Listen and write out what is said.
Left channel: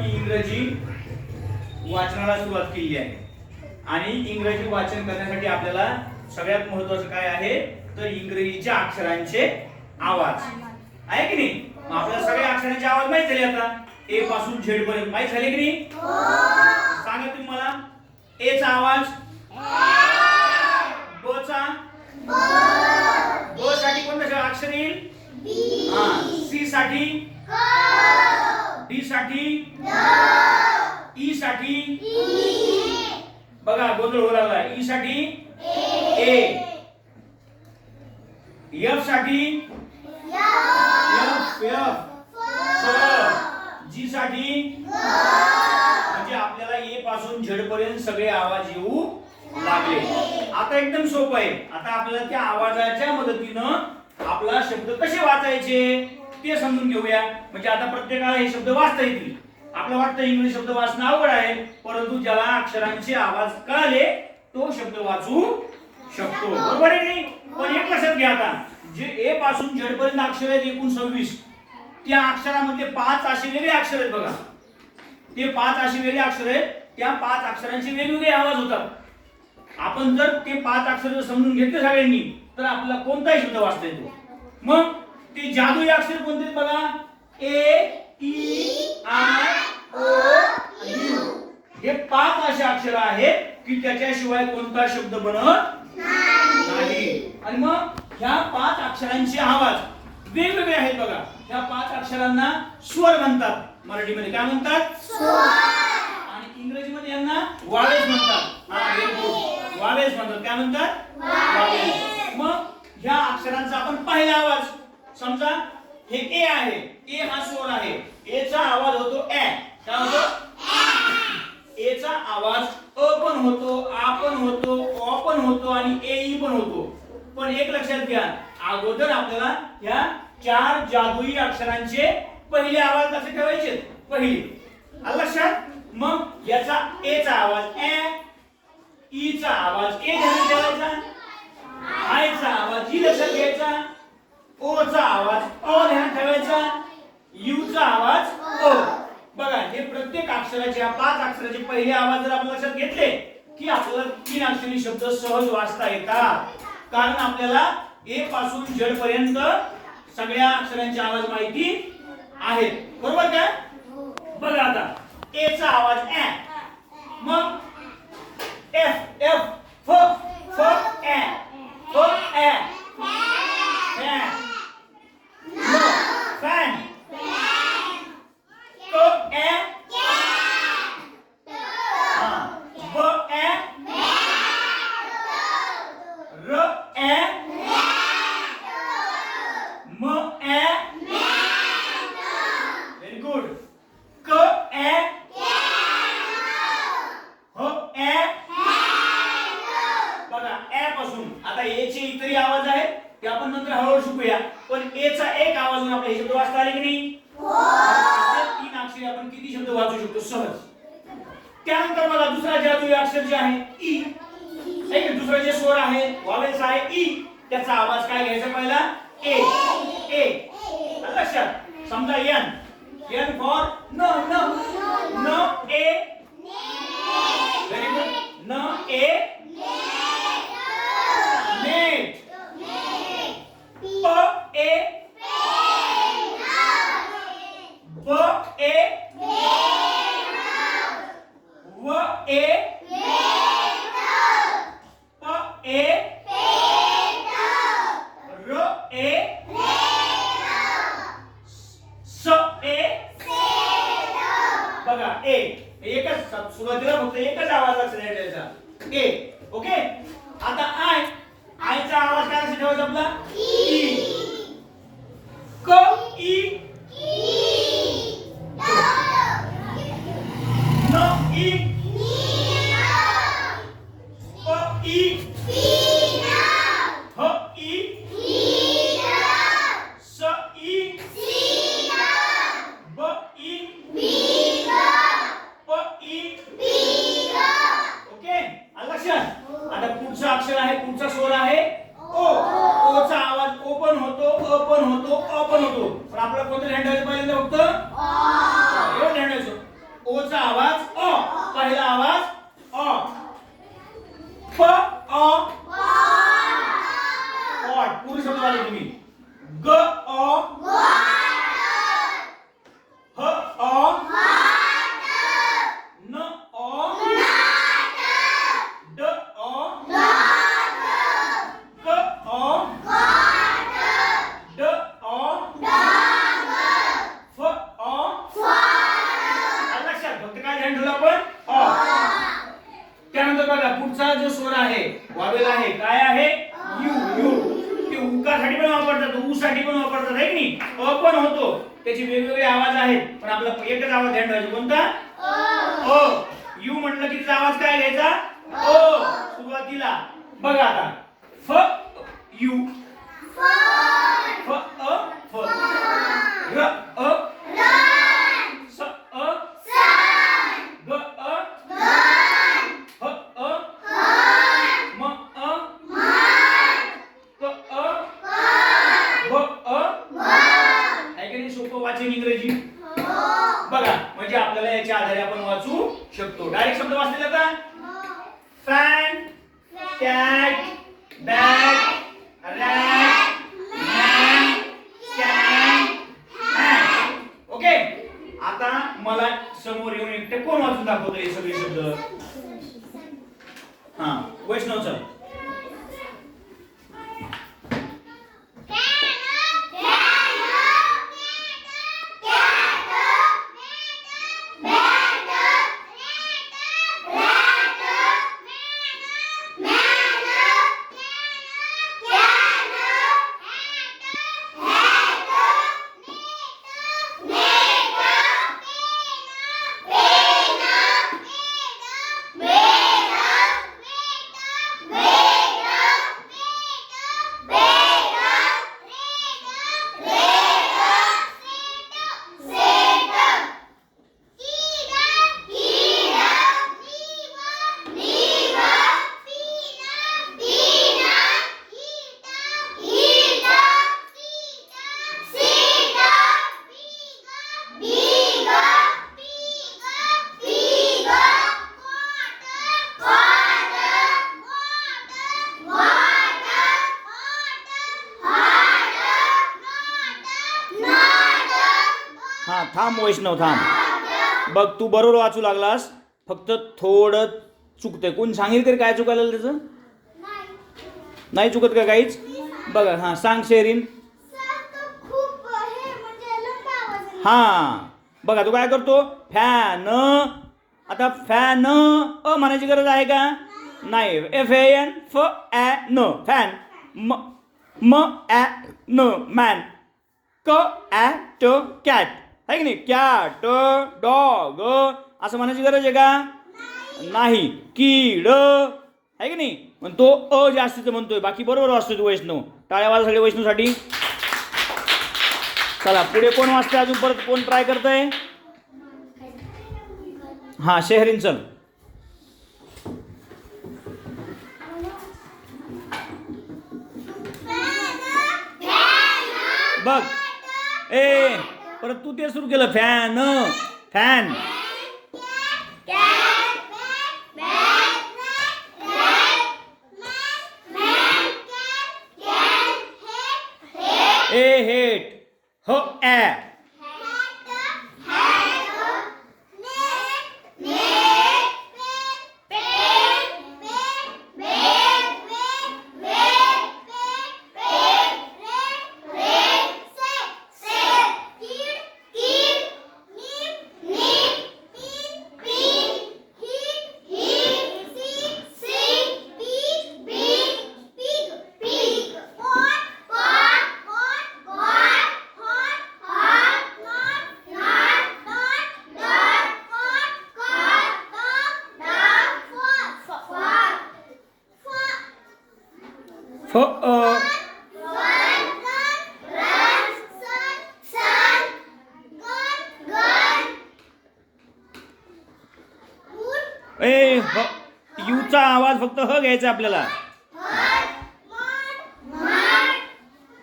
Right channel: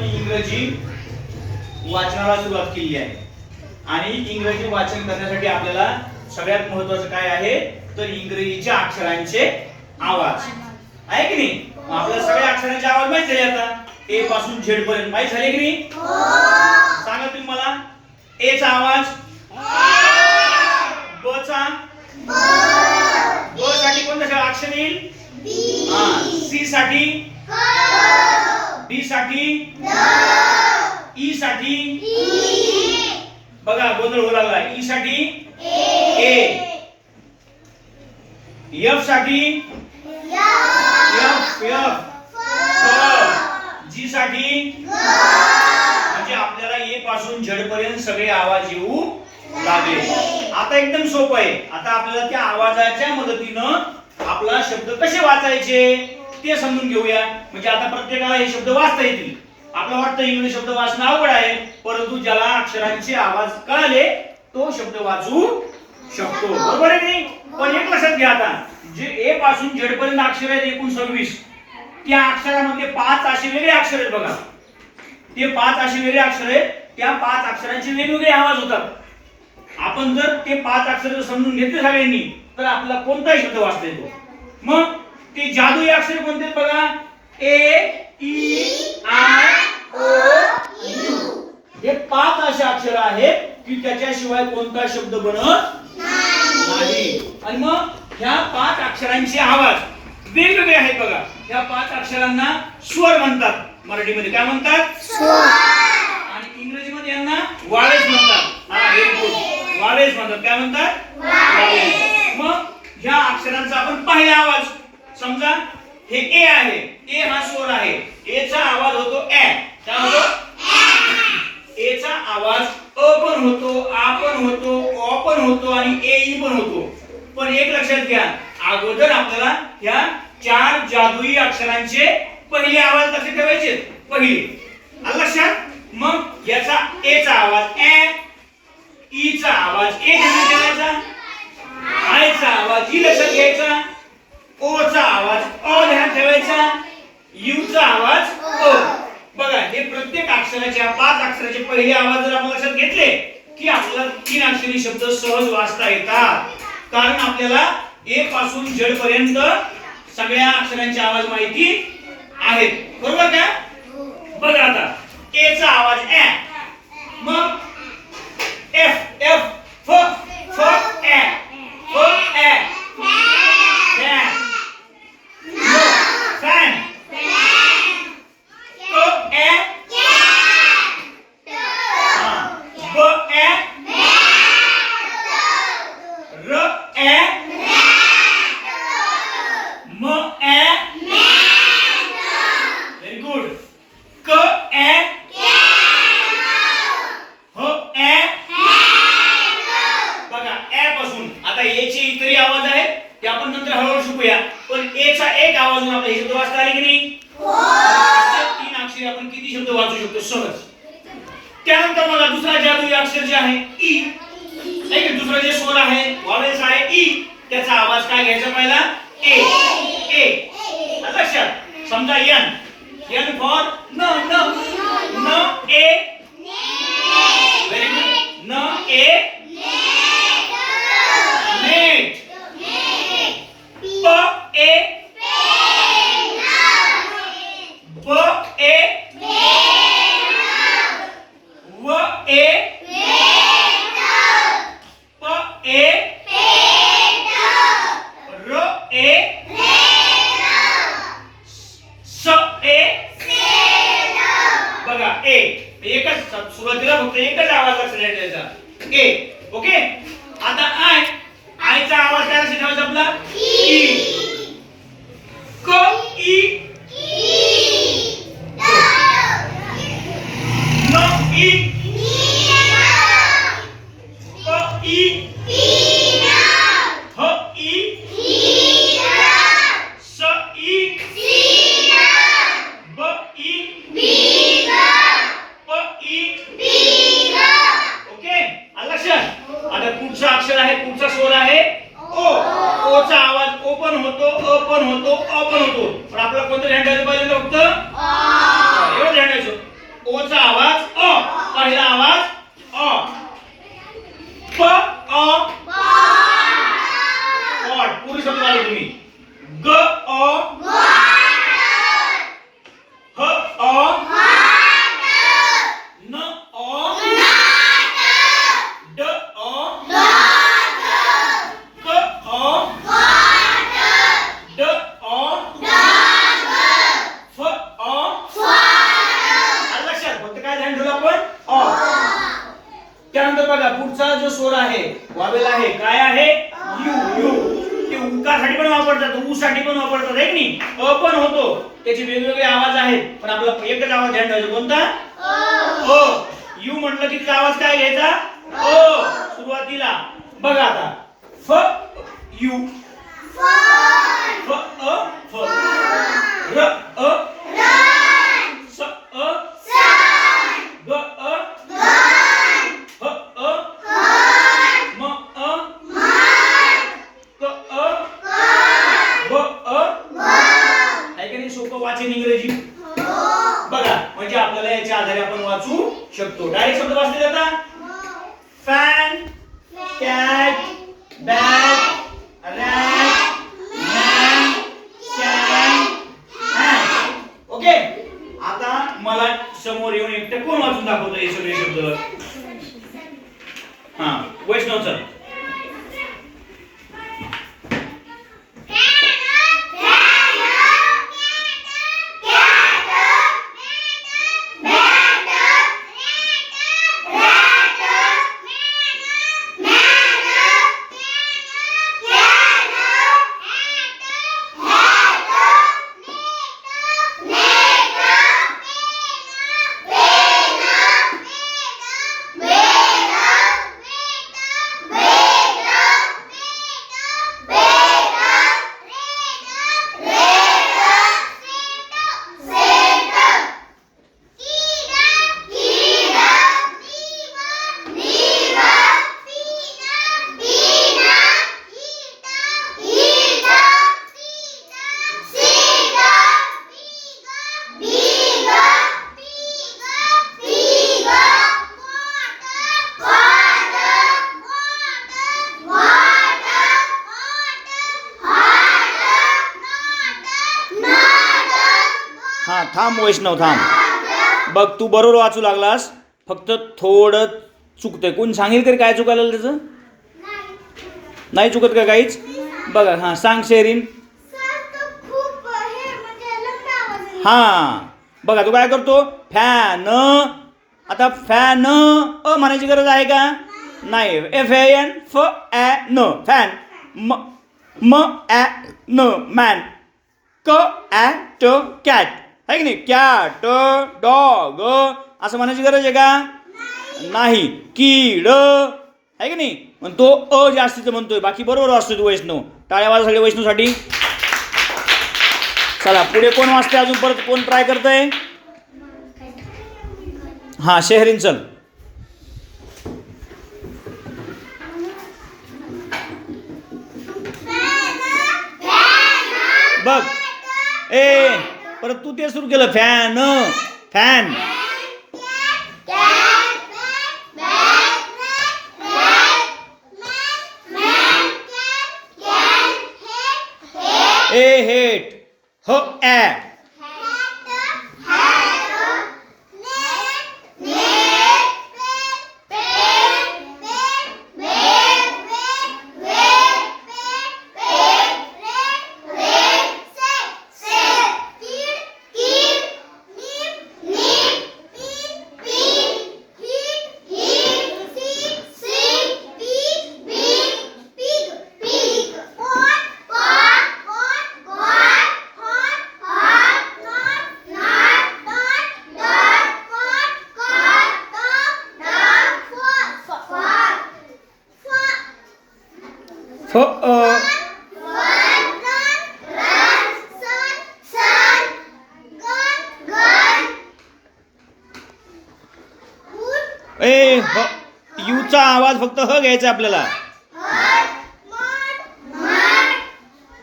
आपण इंग्रजी वाचनाला सुरुवात केली आहे आणि इंग्रजी वाचन करण्यासाठी आपल्याला सगळ्यात महत्त्वाचं काय आहे तर इंग्रजीच्या अक्षरांचे आवाज आहे की नाही. आपल्याला सगळ्या अक्षरांचे आवाज माहित झाले आता ए पासून झेड पर्यंत माहित झाले की नाही. सांगा तुम्ही मला ए चा आवाज ब चा ब साठी कोणतं अक्षर येईल सी साठी डी साठी ई साठी बघा गोंधळ होऊ लागला. ई साठी ए एफ साठी एफ एफ जी साठी म्हणजे आपल्याला ए पासून झेड पर्यंत सगळे आवाज येऊ लागले. आता एकदम सोपं आहे. आता आपल्याला त्या आवाजाच्या मदतीनं आपला शब्द कसे वाचायचे ते समजून घेऊया. म्हणजे आता प्रत्येकाला हे शब्द वाचता येतील. आपल्याला वाटतं इंग्लिश शब्द वाचणं अवघड आहे परंतु ज्याला अक्षरांचे आवाज कळले तो शब्द वाचू शकतो. बरोबर आहे नाही. पण एक लक्षात घ्या आता जे ए पासून झेड पर्यंत अक्षर आहेत एकूण 26 त्या अक्षरामध्ये 5 असे वेगळे अक्षर आहेत बघा. ते 5 असे वेगळे अक्षर आहेत. त्या 5 अक्षरांचे वेगवेगळे आवाज होतात. आपण जर ते 5 अक्षर समजून घेतले सगळ्यांनी तर आपल्याला कोणताही शब्द वाचता येतो. मग ते जादुई अक्षर कोणते बघा ए ई आय ओ यू हे 5 असे अक्षर आहेत की त्याच्याशिवाय कोणता शब्द बनत नाही. आणि मग ह्या 5 अक्षरांचे आवाज वेगवेगळे आहेत बघा. ह्या 5 अक्षरांना स्वर म्हणतात. मराठीमध्ये काय म्हणतात स्वर आणि इंग्रजीमध्ये यांना वावेल्स म्हणतात. वावेल्स म्हणतात. काय म्हणतात वावेल्स. मग ह्या अक्षरांचा आपण पहिला आवाज समजा हे ए आहे. ए हा स्वर आहे. ए चा आवाज होतो ए. काय होतो ए चा आवाज अ पण होतो आ पण होतो अ पण होतो आणि ए ई पण होतो. पण एक लक्षात घ्या अगोदर आपल्याला ह्या 4 जादुई अक्षरांचे पहिले आवाज कसे ठेवायचे पहिले आलं लक्षात. मग याचा ए चा आवाज ए ई चा आवाज ए ध्यानात ठेवायचा आय चा आवाज ई लक्षात घ्यायचा ओ चा आवाज अ ध्यानात ठेवायचा यू चा आवाज अ. बघा हे प्रत्येक अक्षराच्या 5 अक्षराचे पहिले आवाज जर आपण लक्षात घेतले की आपल्याला 3 अक्षरी शब्द सहज वाचता येतात. कारण आपल्याला ए पासून झेड पर्यंत सगळ्या अक्षरांचे आवाज माहिती आहेत. बरोबर का. बघा आता ए चा आवाज ए मग एफ एफ फ फ ए फ ए फॅन क ए ब ए र ए म ए व्हेरी गुड क ए ह ए बघा ए पासून आता ए चे इतरही आवाज आहेत ते आपण नंतर हळूहळू शिकूया. पण ए चा एक आवाज आपल्याला हे शब्द वाचता आले की नाही. असे 3 अक्षरे आपण किती शब्द वाचू शकतो सहज. त्यानंतर मला दुसरा जादुई अक्षर जे आहे ई आहे की दुसरा जे स्वर आहे वावेल्स आहे ई त्याचा आवाज काय घ्यायचा पहिला ए ए. लक्षात समजा एन एन फॉर न न न ए व्हेरी गुड न ए नेट प ए ब ए व ए प ए र ए स ए बघा ए एकच सुरुवातीला फक्त एकच आवाज लक्षात द्यायचा ए. ओके. आता आय आय चा आवाज काय असा ठेवायचा आपला ई क ई न ई प ई ह ई स ई ब ई प ई. ओके आलं लक्षात. आता पुढचा अक्षर आहे पुढचा स्वर आहे ओ. ओ चा आवाज ओ पण होतो अ पण होतो अ पण होतो. पण आपल्याला कोणतं ध्यान ठेवायचं पाहिजे फक्त एवढं ध्यान ठेवायचं ओचा आवाज अ, पहिला आवाज अ. प अ पॉट, पूर्ण शब्द आले तुम्ही. ग अ ह अ न अ ड अ क अ ड अ फ अ. आलं लक्षात? फक्त काय ध्यान ठेवलं आपण? अ. त्यानंतर बघा पुढचा जो स्वर आहे, वावेल आहे, काय आहे? यू. यू ते उकासाठी पण वापरतात, ऊ साठी पण वापरतात, आहे की नाही? अ पण होतो, त्याचे वेगवेगळे आवाज आहेत, पण आपला एकच आवाज ध्यान ठेवायचा, कोणता? अ. यू म्हटलं की तिचा आवाज काय घ्यायचा? अ सुरुवातीला. बघा आता फ यू, फ अ फ, र अ स अ ग अ ह अ म अ क अ ब अ. आहे की नाही सोपं वाचन इंग्रजी? बघा म्हणजे आपल्याला याच्या आधारे आपण वाचू शकतो. डायरेक्ट शब्द वाचले जातात. Fan, cat, bat, rat, man, can, hat. Okay. आता मला समोर येऊन एकटं कोण वाचून दाखवतो हे सगळे शब्द? हा, वैष्णव सर. हा थांब वैष्णव थांब. बघ तू बरोबर वाचू लागलास, फक्त थोडं चुकतंय. कोण सांगेल तरी काय चुकायला त्याचं? नाही चुकत का काहीच? बघा हा सांग शेरीन. हा बघा तू काय करतो? फॅन. आता फॅन अ म्हणायची गरज आहे का? नाही. एफ ए एन फ ॲ न फॅन. म म ॲ न मॅन. क ॲ ट कॅट, आहे की नाही? कॅट, डॉग असं म्हणायची गरज आहे का? नाही. कीड, आहे की नाही? पण तो अ जास्तीचं म्हणतोय, बाकी बरोबर वाचतोय तू वैष्णव. टाळ्या वाजा सगळे वैष्णवसाठी. चला पुढे कोण वाचते अजून? परत कोण ट्राय करतंय? हा शेहरीन चल. बघ ए परत तू ते सुरू केलं. Fan fan. ए हेट हो ॲ. फ ए युचा आवाज फक्त ह घ्यायचा आपल्याला.